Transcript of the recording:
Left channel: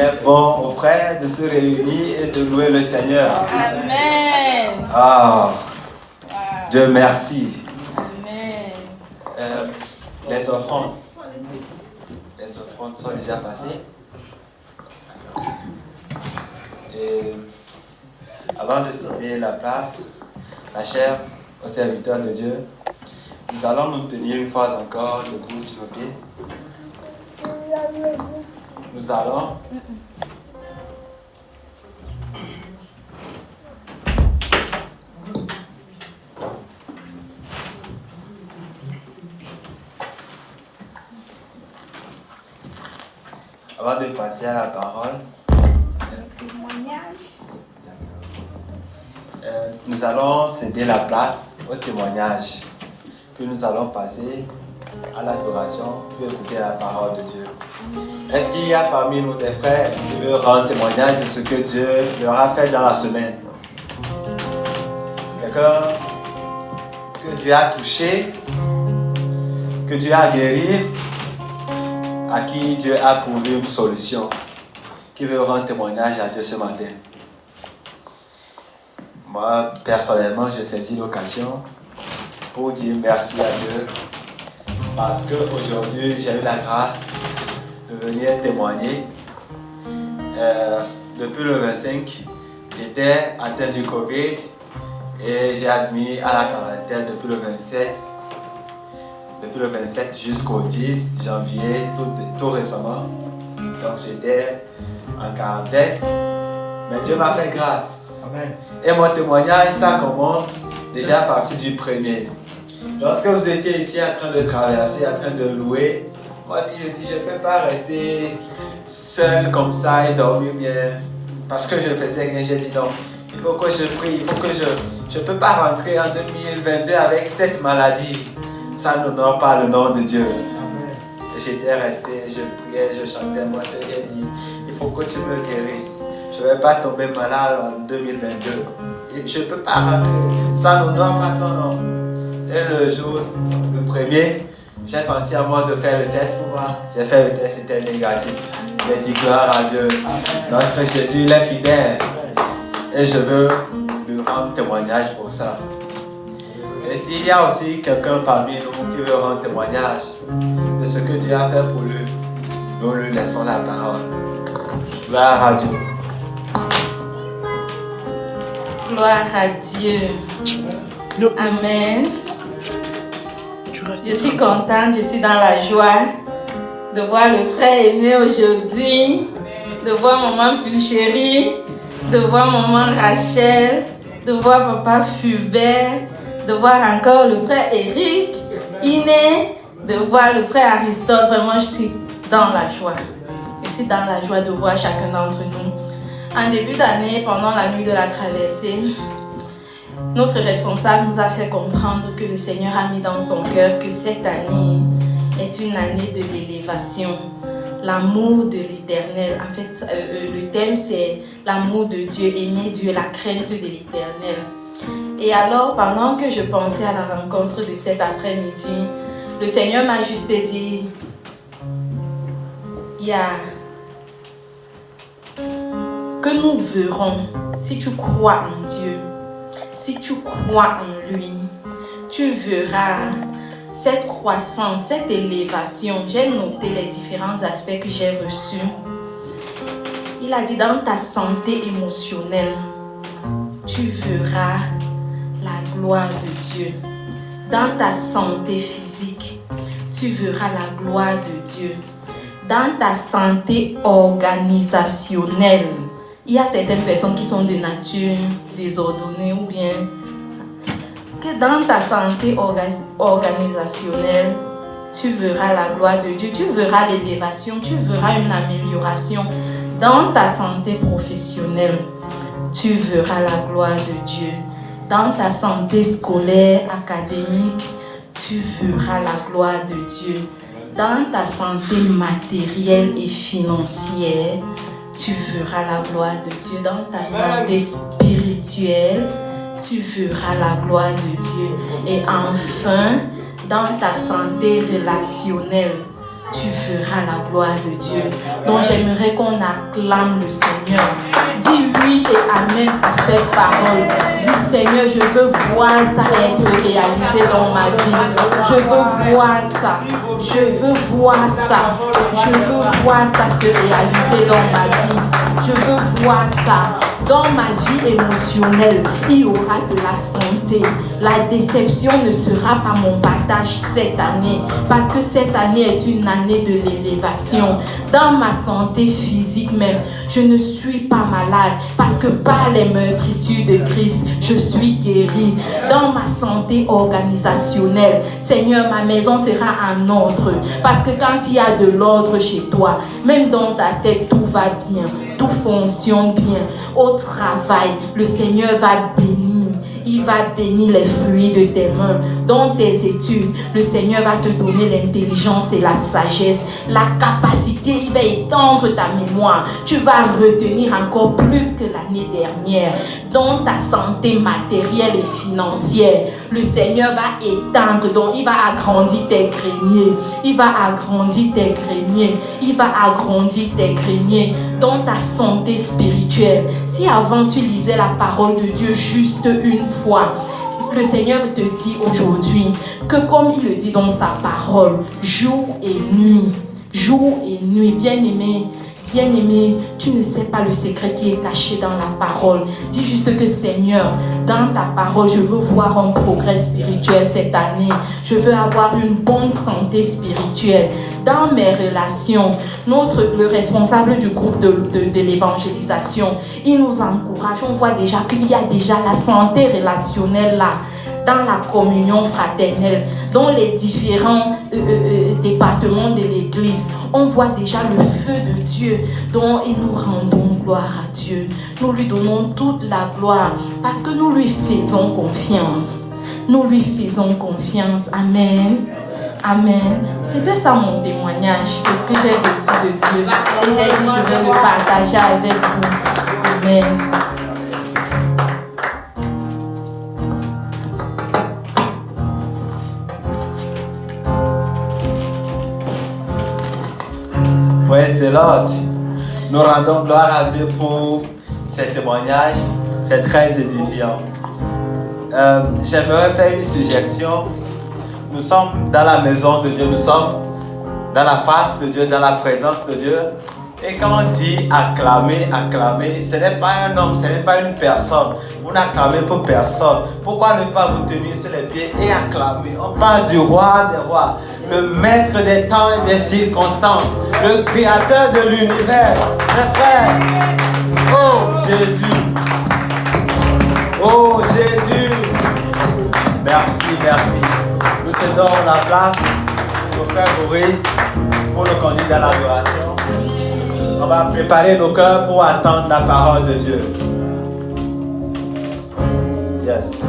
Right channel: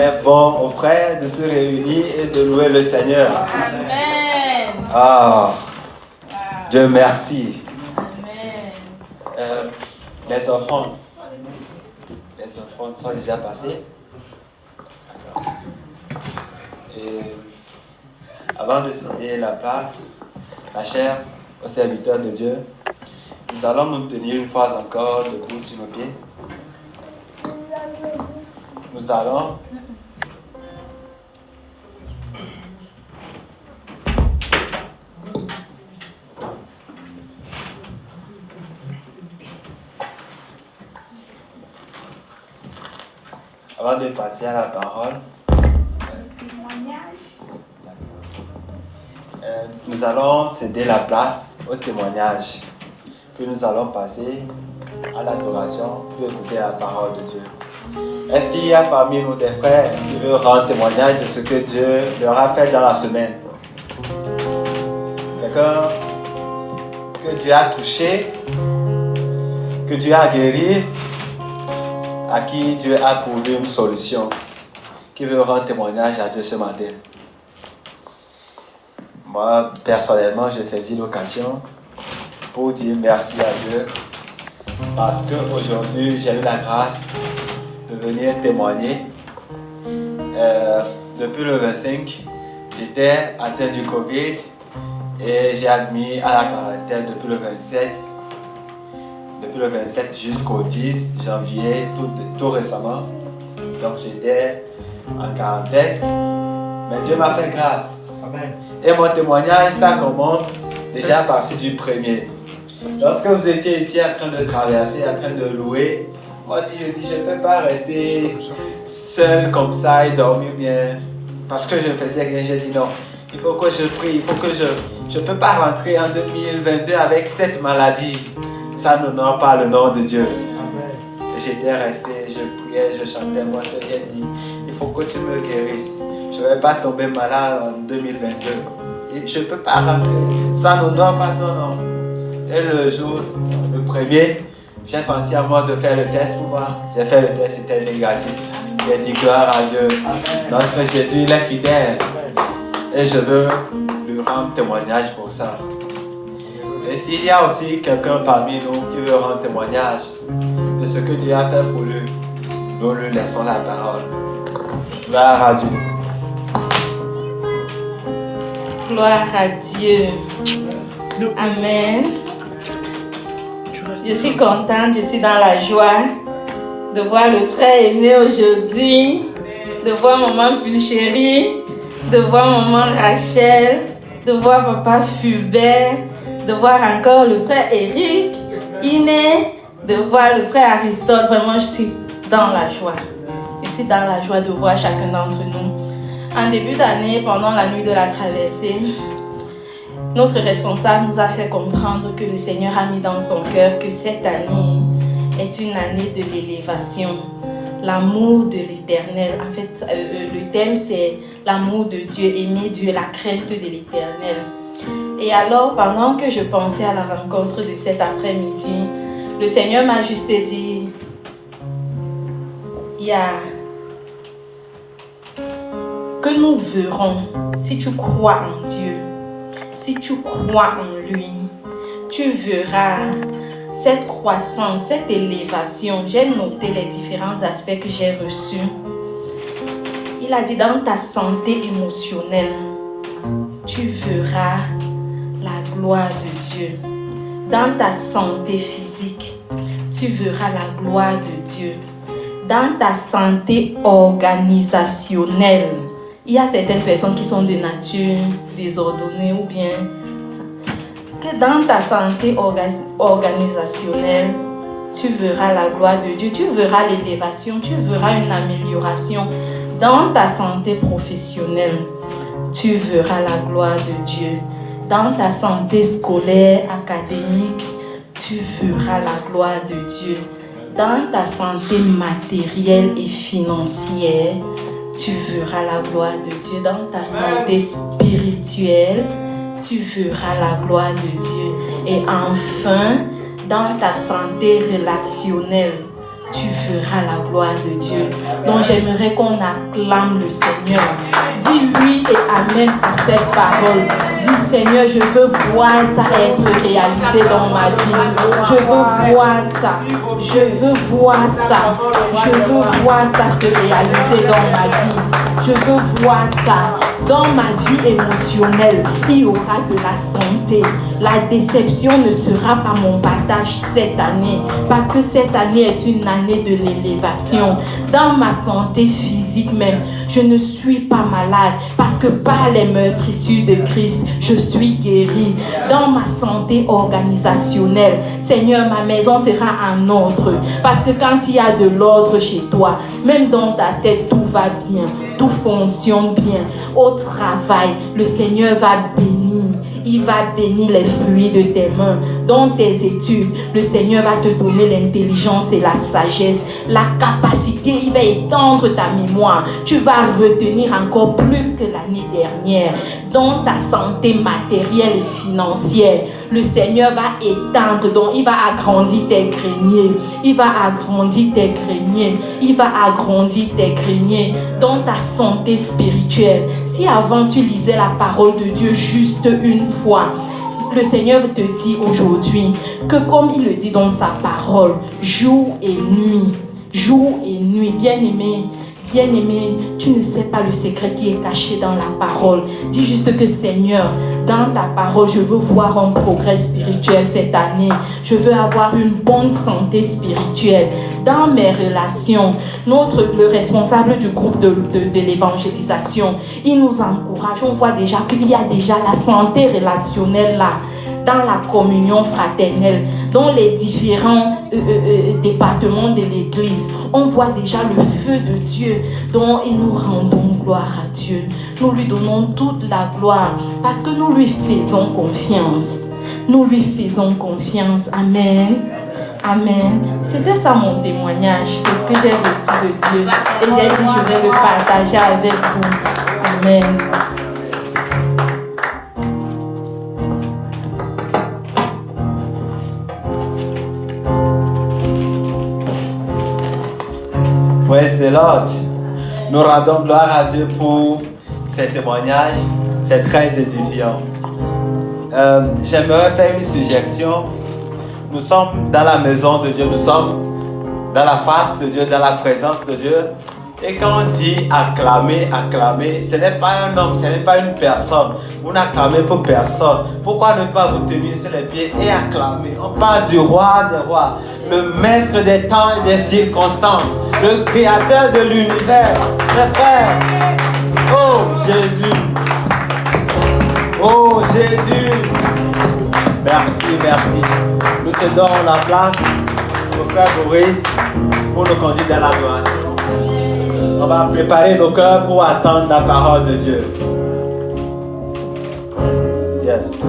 est bon aux frères de se réunir et de louer le Seigneur. Amen. Ah, Dieu merci. Amen. Les offrandes sont déjà passées. Et avant de céder la place, la chair aux serviteurs de Dieu, nous allons nous tenir une fois encore debout sur nos pieds. Nous allons avant de passer à la parole, nous allons céder la place au témoignage. Puis nous allons passer à l'adoration pour écouter la parole de Dieu. Est-ce qu'il y a parmi nous des frères qui veulent rendre témoignage de ce que Dieu leur a fait dans la semaine? Quelqu'un que Dieu a touché, que Dieu a guéri, à qui Dieu a prouvé une solution, qui veut rendre témoignage à Dieu ce matin? Moi, personnellement, je saisis l'occasion pour dire merci à Dieu parce qu'aujourd'hui, j'ai eu la grâce de venir témoigner. Depuis le 25, j'étais atteint du Covid et j'ai admis à la quarantaine depuis le 27. Depuis le 27 jusqu'au 10 janvier, tout récemment. Donc j'étais en quarantaine, mais Dieu m'a fait grâce. Amen. Et mon témoignage, ça commence déjà à partir du premier. Lorsque vous étiez ici en train de traverser, en train de louer, moi aussi je dis, je ne peux pas rester seul comme ça et dormir bien. Parce que je ne faisais rien, j'ai dit non, il faut que je prie, il faut que je ne peux pas rentrer en 2022 avec cette maladie. Ça n'honore pas le nom de Dieu. J'étais resté, je priais, je chantais, moi j'ai dit, il faut que tu me guérisses. Je ne vais pas tomber malade en 2022. Et je ne peux pas, ça n'honore pas ton nom. Et le jour, le premier, j'ai senti à moi de faire le test pour voir. J'ai fait le test, c'était négatif. J'ai dit gloire à Dieu. Notre Jésus, il est fidèle. Et je veux lui rendre témoignage pour ça. Et s'il y a aussi quelqu'un parmi nous qui veut rendre témoignage de ce que Dieu a fait pour lui, nous lui laissons la parole. Gloire à Dieu. Gloire à Dieu. Amen. Je suis contente, je suis dans la joie de voir le frère aimé aujourd'hui, de voir maman Pulchérie, de voir maman Rachel, de voir papa Fulbert, de voir encore le frère Eric, Iné, de voir le frère Aristote. Vraiment, je suis dans la joie. Je suis dans la joie de voir chacun d'entre nous. En début d'année, pendant la nuit de la traversée, notre responsable nous a fait comprendre que le Seigneur a mis dans son cœur que cette année est une année de l'élévation, l'amour de l'Éternel. En fait, le thème c'est l'amour de Dieu, aimer Dieu, la crainte de l'Éternel. Et alors, pendant que je pensais à la rencontre de cet après-midi, le Seigneur m'a juste dit, il y a que nous verrons, si tu crois en Dieu, si tu crois en lui, tu verras cette croissance, cette élévation. J'ai noté les différents aspects que j'ai reçus. Il a dit, dans ta santé émotionnelle, tu verras la gloire de Dieu. Dans ta santé physique, tu verras la gloire de Dieu. Dans ta santé organisationnelle, il y a certaines personnes qui sont de nature désordonnée ou bien que dans ta santé organisationnelle, tu verras la gloire de Dieu, tu verras l'élévation, tu verras une amélioration. Dans ta santé professionnelle, tu verras la gloire de Dieu. Dans ta santé scolaire, académique, tu verras la gloire de Dieu. Dans ta santé matérielle et financière, tu verras la gloire de Dieu. Dans ta santé spirituelle, tu verras la gloire de Dieu. Et enfin, dans ta santé relationnelle, tu verras la gloire de Dieu. Donc j'aimerais qu'on acclame le Seigneur. Dis oui et amen à cette parole. Dis Seigneur, je veux voir ça être réalisé dans ma vie. Je veux voir ça. Je veux voir ça. Je veux voir ça se réaliser dans ma vie. Je veux voir ça. Dans ma vie émotionnelle, il y aura de la santé. La déception ne sera pas mon partage cette année, parce que cette année est une année de l'élévation. Dans ma santé physique même, je ne suis pas malade, parce que par les meurtrissures de Christ, je suis guéri. Dans ma santé organisationnelle, Seigneur, ma maison sera en ordre, parce que quand il y a de l'ordre chez toi, même dans ta tête, tout va bien, tout fonctionne bien. Au travail, le Seigneur va bénir. Il va bénir les fruits de tes mains. Dans tes études, le Seigneur va te donner l'intelligence et la sagesse, la capacité. Il va étendre ta mémoire. Tu vas retenir encore plus que l'année dernière. Dans ta santé matérielle et financière, le Seigneur va étendre. Donc, il va agrandir tes greniers. Il va agrandir tes greniers. Il va agrandir tes greniers. Dans ta santé spirituelle, si avant tu lisais la parole de Dieu juste une fois, le Seigneur te dit aujourd'hui que comme il le dit dans sa parole, jour et nuit, bien-aimé, bien-aimé, tu ne sais pas le secret qui est caché dans la parole. Dis juste que Seigneur, dans ta parole, je veux voir un progrès spirituel cette année. Je veux avoir une bonne santé spirituelle. Dans mes relations, le responsable du groupe de l'évangélisation, il nous encourage. On voit déjà qu'il y a déjà la santé relationnelle là, dans la communion fraternelle, dans les différents départements de l'Église. On voit déjà le feu de Dieu, dont nous rendons gloire à Dieu. Nous lui donnons toute la gloire parce que nous lui faisons confiance. Nous lui faisons confiance. Amen. Amen. C'était ça mon témoignage. C'est ce que j'ai reçu de Dieu. Et j'ai dit, je vais le partager avec vous. Amen. Praise the Lord. Nous rendons gloire à Dieu pour ces témoignages. C'est très édifiant. J'aimerais faire une suggestion. Nous sommes dans la maison de Dieu, nous sommes dans la face de Dieu, dans la présence de Dieu. Et quand on dit acclamer, acclamer, ce n'est pas un homme, ce n'est pas une personne. Vous n'acclamez pour personne. Pourquoi ne pas vous tenir sur les pieds et acclamer? On parle du roi des rois, le maître des temps et des circonstances, le créateur de l'univers. Mes frères, oh Jésus, oh Jésus, merci, merci. Nous cédons la place au frère Boris pour nous conduire vers l'adoration. On va préparer nos cœurs pour attendre la parole de Dieu. Yes.